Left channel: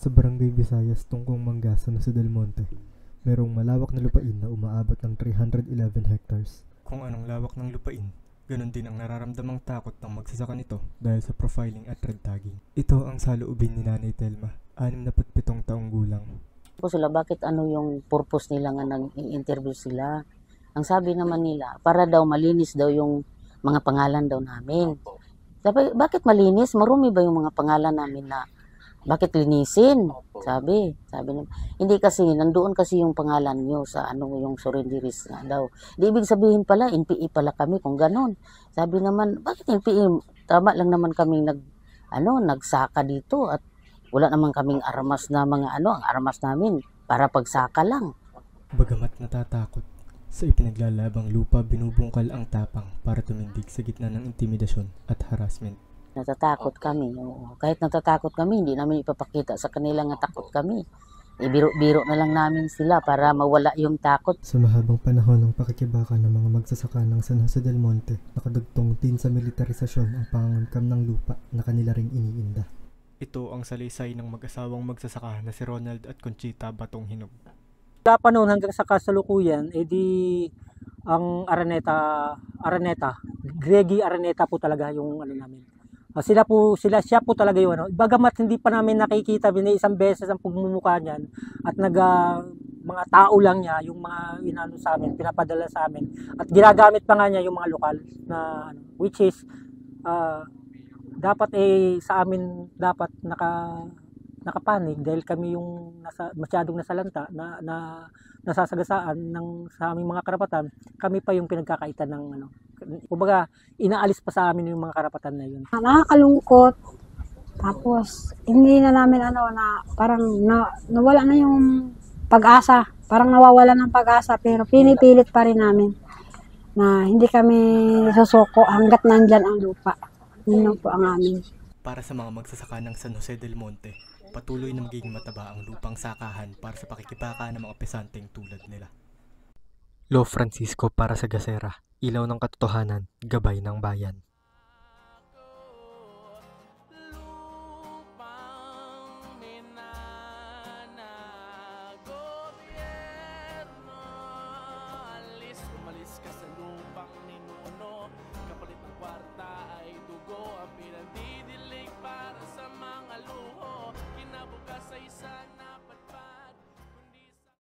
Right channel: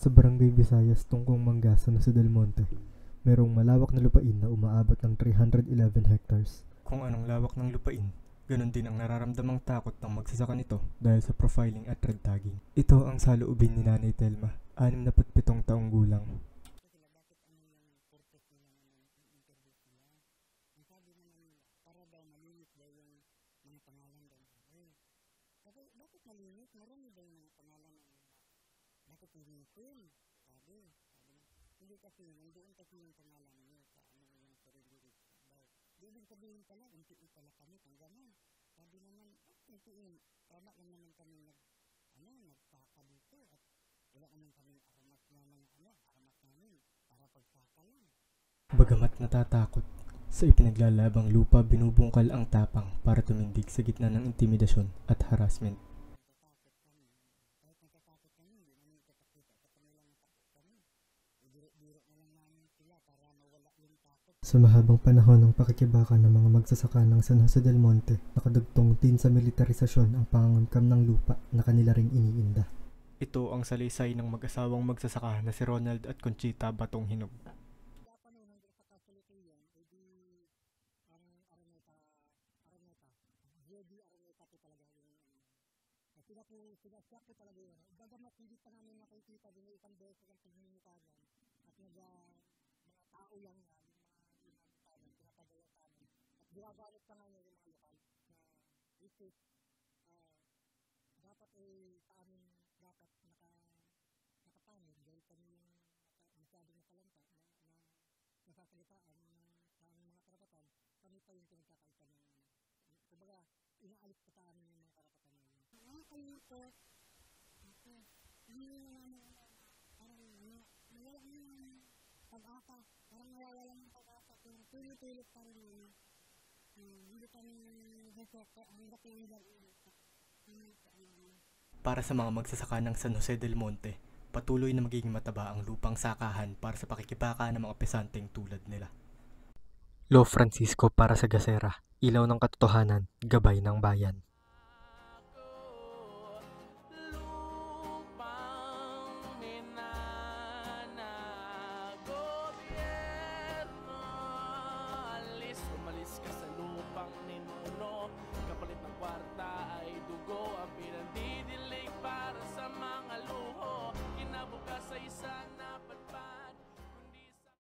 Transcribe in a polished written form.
Sa Barangay Visayas, tungkong Mangga, San Jose del Monte, merong malawak na lupain na umaabot ng 311 hectares. Kung anong lawak ng lupain, ganun din ang nararamdamang takot ng magsasaka nito dahil sa profiling at red tagging. Ito ang saloobin ni Nanay Telma, 67 taong gulang. Sila bakit ano yung purpose nila nga nag-interview sila. Ang sabi naman nila, para daw malinis daw yung mga pangalan daw namin. Sabi, bakit malinis? Marumi ba yung mga pangalan namin na bakit linisin? Sabi naman. Hindi kasi, nandoon kasi yung pangalan nyo sa ano yung surrenderies nga daw. Di ibig sabihin pala, NPE pala kami kung ganon. Sabi naman, bakit NPE? Tama lang naman kaming nagsaka dito at wala naman kaming armas na mga ang armas namin para pagsaka lang. Bagamat natatakot, sa ipinaglalabang lupa binubungkal ang tapang para tumindig sa gitna ng intimidasyon at harassment. Natatakot kami. Oo. Kahit natatakot kami, hindi namin ipapakita sa kanila nga takot kami. Ibiro-biro na lang namin sila para mawala yung takot. Sa mahabang panahon ng pakikibaka ng mga magsasaka ng San Jose del Monte, nakadugtong din sa militarisasyon ang pangangkamkam ng lupa na kanila ring iniinda. Ito ang salaysay ng mag-asawang magsasaka na si Ronald at Conchita Batong Hinog. Sa panahon hanggang sa kasalukuyan, ang Araneta, Greggy Araneta po talaga yung namin. Siya po talaga yung bagamat hindi pa namin nakikita isang beses ang pagmumukha niyan at mga tao lang niya yung mga sa amin, pinapadala sa amin at ginagamit pa nga niya yung mga lokal na which is dapat sa amin dapat nakapanig dahil kami yung masyadong nasalanta na nasasagasaan sa aming mga karapatan, kami pa yung pinagkakaitan ng kumbaga inaalis pa sa amin yung mga karapatan na yun. Nakakalungkot. Tapos hindi na namin na parang nawala na yung pag-asa. Parang nawawala ng pag-asa pero pinipilit pa rin namin na hindi kami susuko hanggat nandyan ang lupa. Yun po ang amin. Para sa mga magsasaka ng San Jose del Monte, patuloy na magiging mataba ang lupang sakahan para sa pakikibaka ng mga pesanteng tulad nila. Lo Francisco para sa Gasera, ilaw ng katotohanan, gabay ng bayan. Umalis ka sa lupang ninuno, kapalit ng kwarta ay dugo, ang pinandidilig para sa mga luho, kinabukas ay sana